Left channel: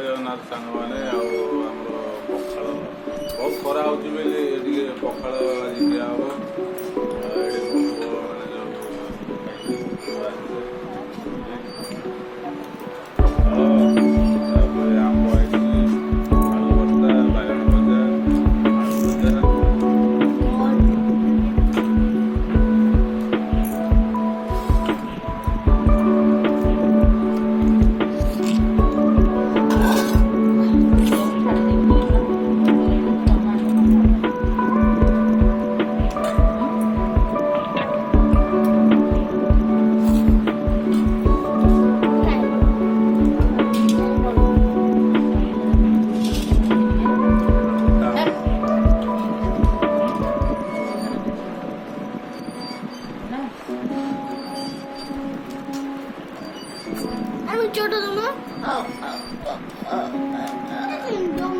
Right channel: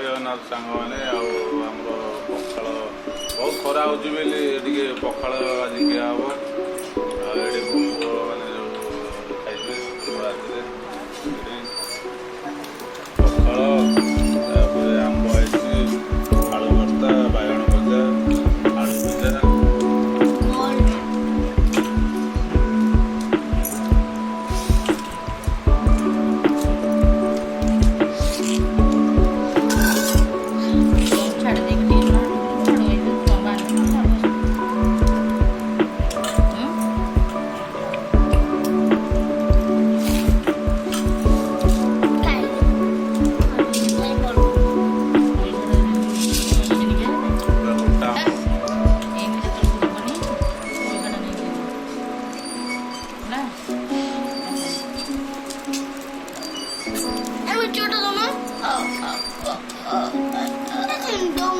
ଜୟ ଜଗନ୍ନାଥ ସାଙ୍ଗମାନେ ଆଉ ଆମର ପଖାଳ ବହୁତ ଖରା ହେଉଛି ବୋଲି ଟିକେ ପଖାଳ ଆଜି ଖିଆ ହେବ। ଏଠି ବନ୍ଧୁମାନେ ଯେଉଁ ଖାଇବେ ରାତିରେ ପଖାଳ ତାପରେ ଆମ୍ବ ହେଇଛି, ଆଳୁ ଭର୍ତ୍ତା, ବାଇଗଣ ଭଜା, ଆଳୁ ଭଜା।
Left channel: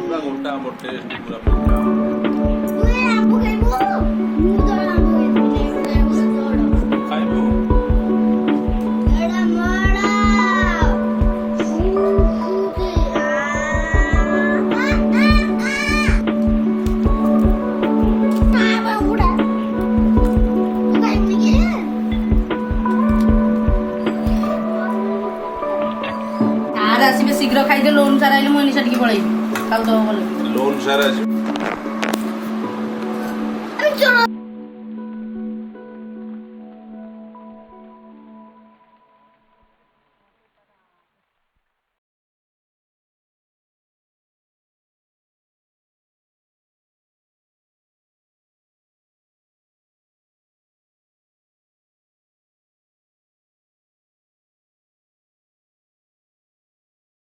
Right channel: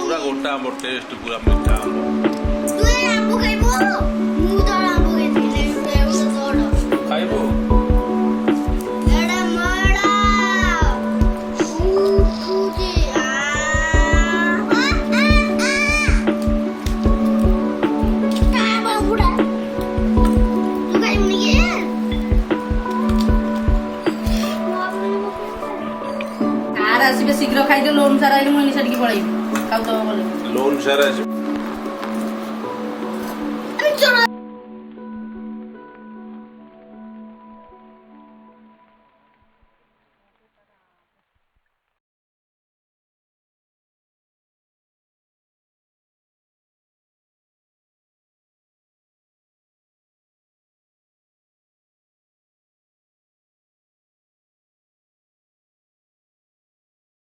पूरा गोटा आंब टेस्ट पूरा मीठा तू ए आंब खाइबो मु तो आंब खाइबे ले तोड़ खाइबो एडा मडा उठी ताबा उडा तू खाइबो नी आर आसीबे शीघ्र खाइदे लोन सारा आइले मनी छडकी पळाइबे खाउ तो भले लोन सारा